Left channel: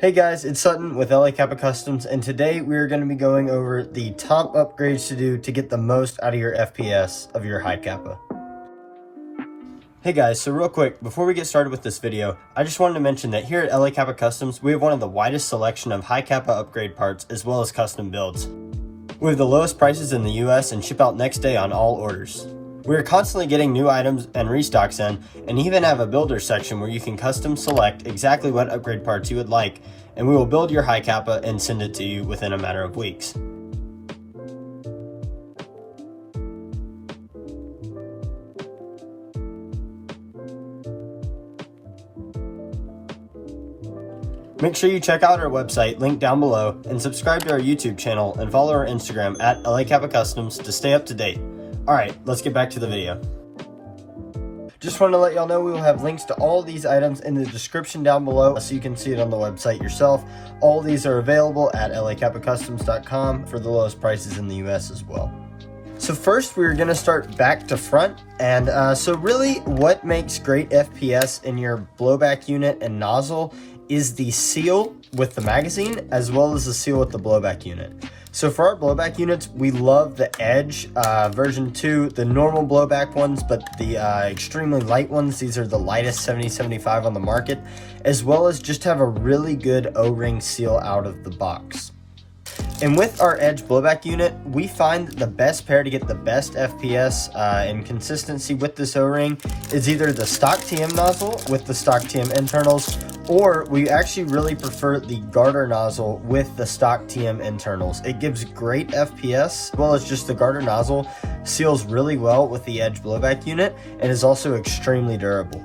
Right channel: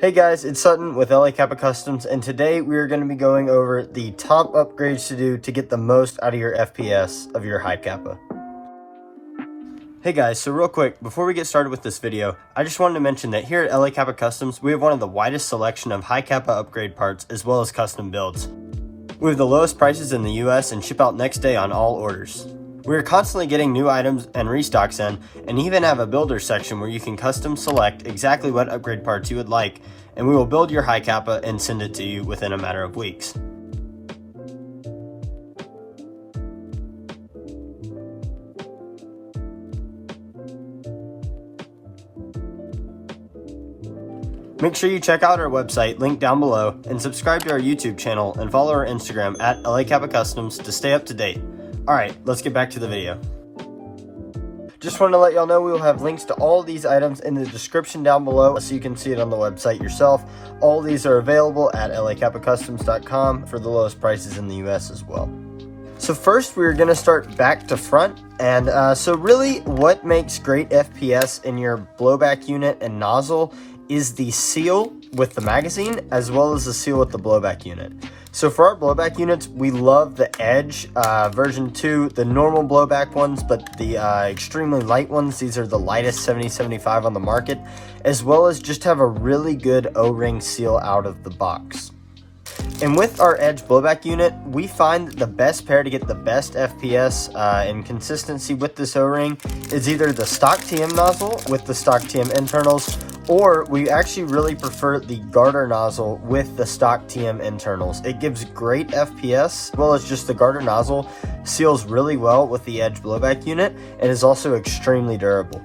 Hey guys, it's Sutton with LA Kappa Customs, and today we are going to be going over the top upgrades to do to get the most out of your FPS of your high Kappa. Hey guys, so real quick, before we get started with this video, I just wanted to mention that here at LA Kappa Customs, we have one of the widest selection of high Kappa upgrade parts as well as custom builds. We have the lowest prices in the US and ship out next day on all orders. We are constantly getting new items and restocks in, and even have a builder section where you can custom select exactly what upgrade parts you would like, and we will build your high Kappa and send it to you within a matter of weeks. Make sure you check out our website, linked down below, and subscribe to our YouTube channel and follow our Instagram at LA Kappa Customs to stay up to date. Alright, let's get back to the video. Just wanted to let y'all know we will have links to all of these items in the description down below so you can see it on the website yourself. All of these are available at lakappacustoms.com for the lowest prices in the US as well. So first we're going to start back to front, and so really what makes great FPS in your blowback unit and nozzle is the seal with the magazine as well as the seal with the blowback unit. So for our blowback units, we love the Edge version 2, the normal blowback ones, but the extremely light ones. These are the lightest 70-75 on the market, as well as just have a really good O-ring seal out of the box. And with our Edge blowback unit, we find the best pair to get the best FPS and consistency with this O-ring is either the stock TM nozzle with the stock TM internals, or we actually really prefer the garter nozzle with the stock TM internals. It gives great FPS, as well as just the garter nozzle seals really well with the Edge blowback unit and is also extremely durable.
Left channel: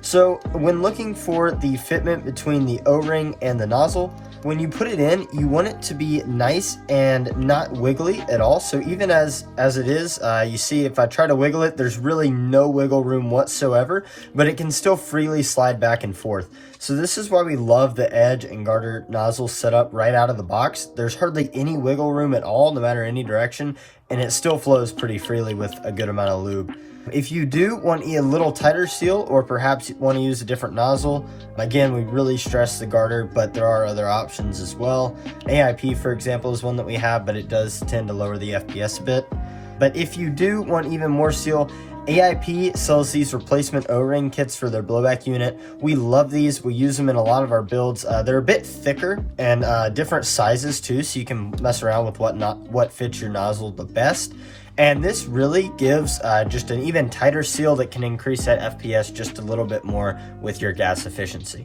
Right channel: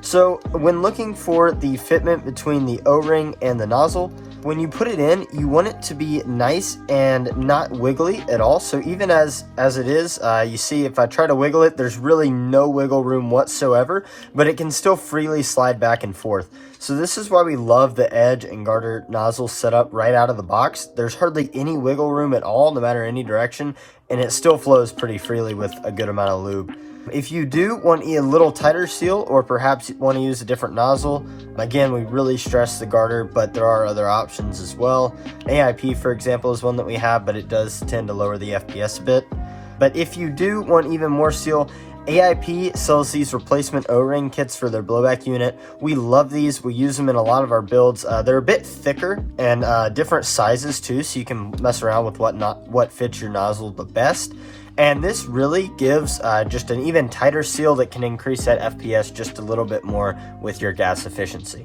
So when looking for the fitment between the O-ring and the nozzle, when you put it in, you want it to be nice and not wiggly at all. So even as it is, you see if I try to wiggle it, there's really no wiggle room whatsoever, but it can still freely slide back and forth. So this is why we love the Edge and garter nozzle set up right out of the box. There's hardly any wiggle room at all, no matter any direction, and it still flows pretty freely with a good amount of lube. If you do want a little tighter seal, or perhaps want to use a different nozzle, again, we really stress the garter, but there are other options as well. AIP, for example, is one that we have, but it does tend to lower the FPS a bit. But if you do want even more seal, AIP sells these replacement O-ring kits for their blowback unit. We love these. We use them in a lot of our builds. They're a bit thicker and different sizes too, so you can mess around with what fits your nozzle the best. And this really gives just an even tighter seal that can increase that FPS just a little bit more with your gas efficiency.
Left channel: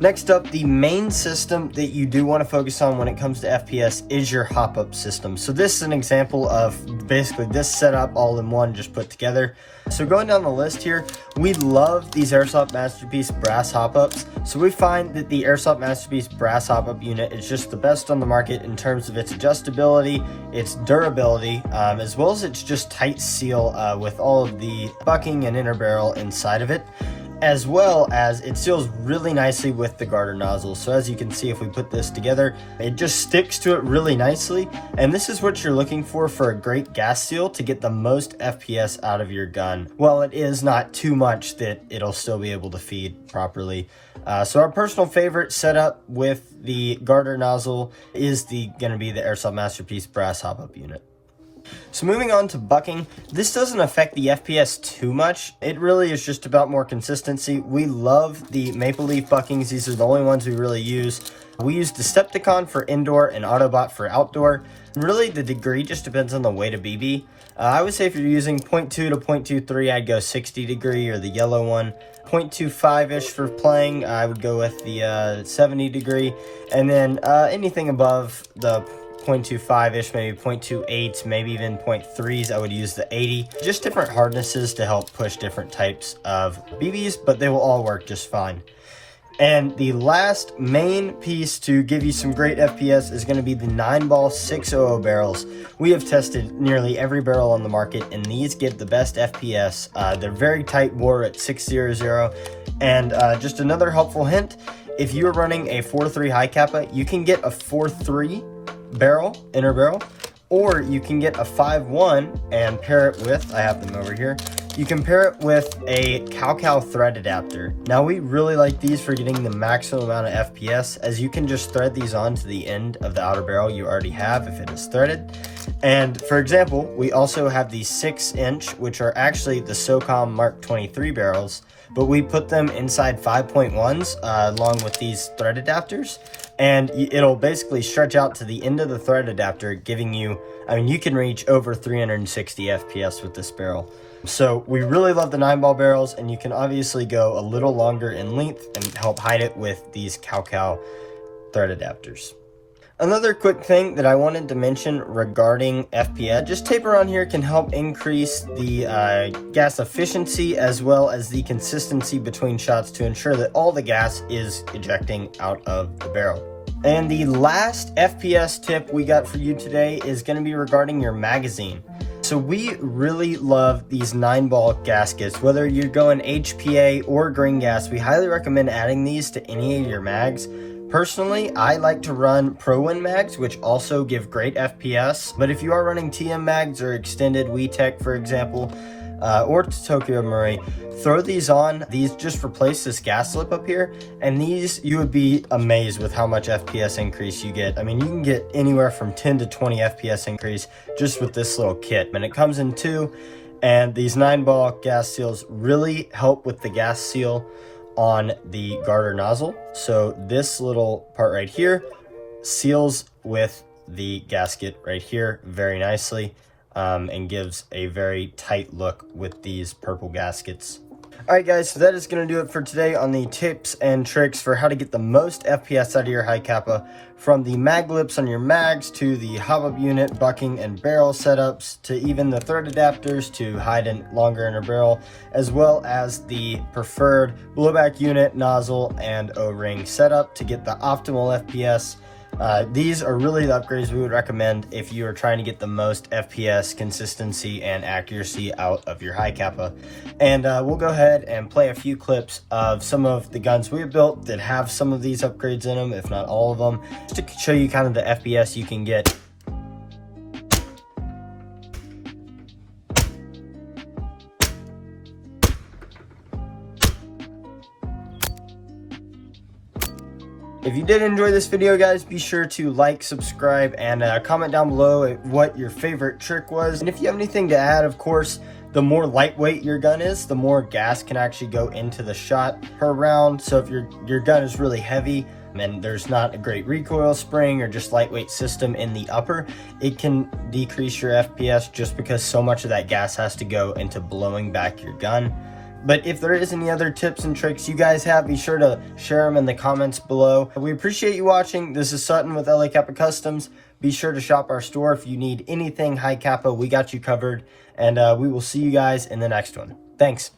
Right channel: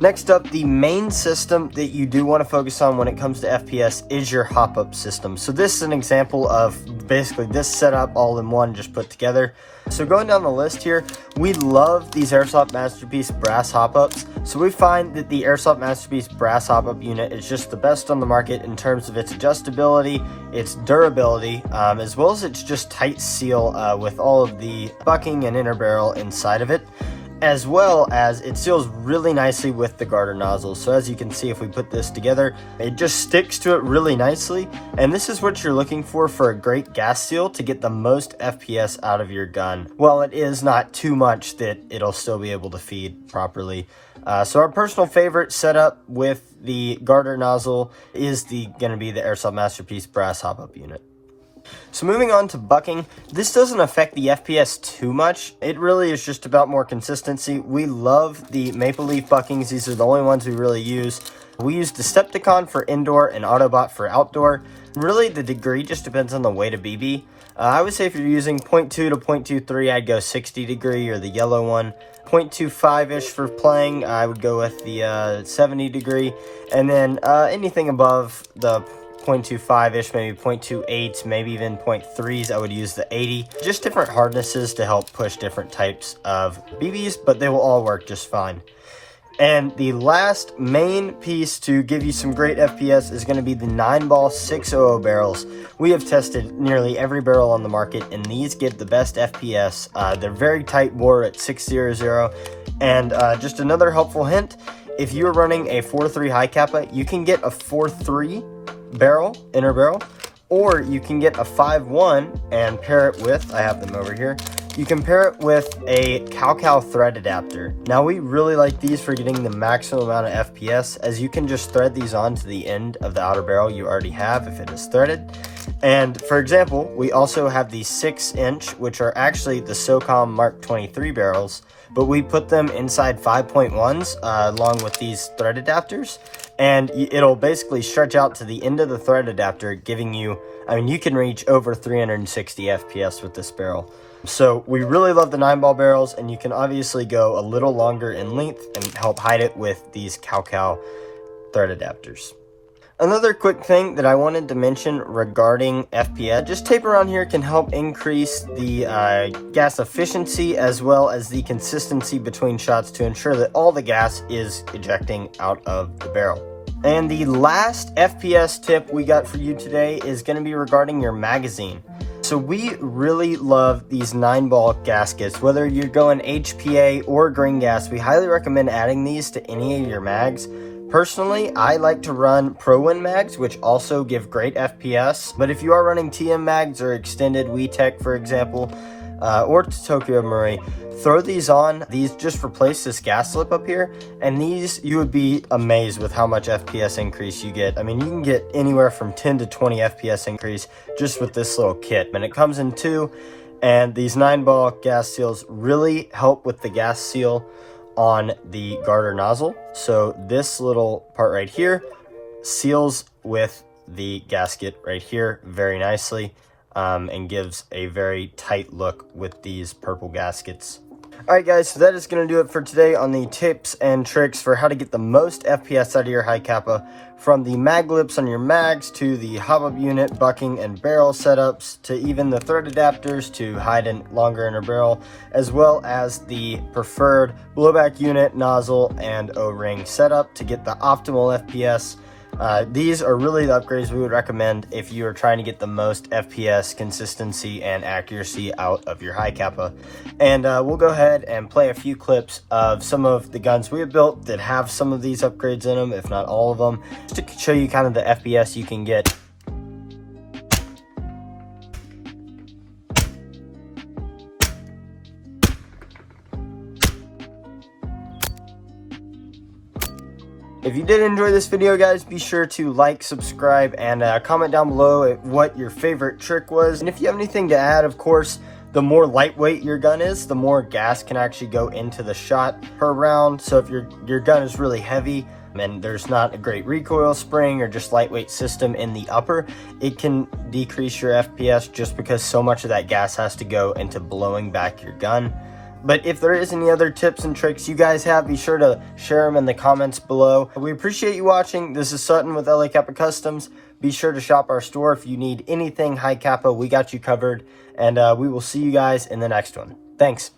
Next up, the main system that you do want to focus on when it comes to FPS is your hop-up system. So this is an example of basically this setup all in one, just put together. So going down the list here, we love these Airsoft Masterpiece brass hop-ups. So we find that the Airsoft Masterpiece brass hop-up unit is just the best on the market in terms of its adjustability, its durability, as well as its just tight seal with all of the bucking and inner barrel inside of it, as well as it seals really nicely with the garter nozzle. So as you can see, if we put this together, it just sticks to it really nicely. And this is what you're looking for a great gas seal to get the most FPS out of your gun. Well, it is not too much that it'll still be able to feed properly. So our personal favorite setup with the garter nozzle is going to be the Airsoft Masterpiece brass hop-up unit. So moving on to bucking, this doesn't affect the FPS too much. It really is just about more consistency. We love the Maple Leaf buckings. These are the only ones we really use. We use Decepticon for indoor and Autobot for outdoor. Really, the degree just depends on the weight of BB. I would say if you're using 0.2 to 0.23, I'd go 60 degree or the yellow one. 0.25-ish for playing, I would go with the 70 degree. And then anything above the 0.25-ish, maybe 0.28, maybe even 0.3s, I would use the 80. Just different hardnesses to help push different types of BBs, but they will all work just fine. And the last main piece to give you some great FPS is going to be the 9-ball 600 barrels. We have tested nearly every barrel on the market, and these give the best FPS. They're very tight bore at 600. And just another helpful hint, if you're running a 4.3 high Kappa, you can get a 4.3 barrel, inner barrel, or you can get a 5.1 and pair it with, I have them over here, you can pair it with a Capas thread adapter. Now we really like these for getting the maximum amount of FPS, as you can just thread these on to the end of the outer barrel you already have if it is threaded. And for example, we also have these 6-inch, which are actually the SOCOM Mark 23 barrels, but we put them inside 5.1s along with these thread adapters, and it'll basically stretch out to the end of the thread adapter, giving you, I mean, you can reach over 360 FPS with this barrel. So we really love the 9-ball barrels, and you can obviously go a little longer in length and help hide it with these Capas thread adapters. Another quick thing that I wanted to mention regarding FPS, just tape around here can help increase the gas efficiency as well as the consistency between shots to ensure that all the gas is ejecting out of the barrel. And the last FPS tip we got for you today is going to be regarding your magazine. So we really love these 9-ball gaskets. Whether you're going HPA or green gas, we highly recommend adding these to any of your mags. Personally, I like to run ProWin mags, which also give great FPS. But if you are running TM mags or extended WeTech, for example, or Tokyo Marui, throw these on. These just replace this gas slip up here, and these, you would be amazed with how much FPS increase you get. I mean, you can get anywhere from 10 to 20 FPS increase just with this little kit. And it comes in 2, and these 9-ball gas seals really help with the gas seal on the garter nozzle. So this little part right here seals with the gasket right here very nicely, and gives a very tight look with these purple gaskets. Alright guys, so that is going to do it for today on the tips and tricks for how to get the most FPS out of your high capa, from the mag lips on your mags to the hop-up unit, bucking and barrel setups, to even the thread adapters to hide in longer in a barrel, as well as the preferred blowback unit, nozzle, and O-ring setup to get the optimal FPS. These are really the upgrades we would recommend if you are trying to get the most FPS, consistency, and accuracy out of your high capa. And we'll go ahead and play a few clips of some of the guns we have built that have some of these upgrades in them, if not all of them, just to show you kind of the FPS you can get. If you did enjoy this video, guys, be sure to like, subscribe, and comment down below what your favorite trick was. And if you have anything to add, of course, the more lightweight your gun is, the more gas can actually go into the shot per round. So if your gun is really heavy and there's not a great recoil spring or just lightweight system in the upper, it can decrease your FPS just because so much of that gas has to go into blowing back your gun. But if there is any other tips and tricks you guys have, be sure to share them in the comments below. We appreciate you watching. This is Sutton with LA Capa Customs. Be sure to shop our store if you need anything high capa. We got you covered. And we will see you guys in the next one. Thanks.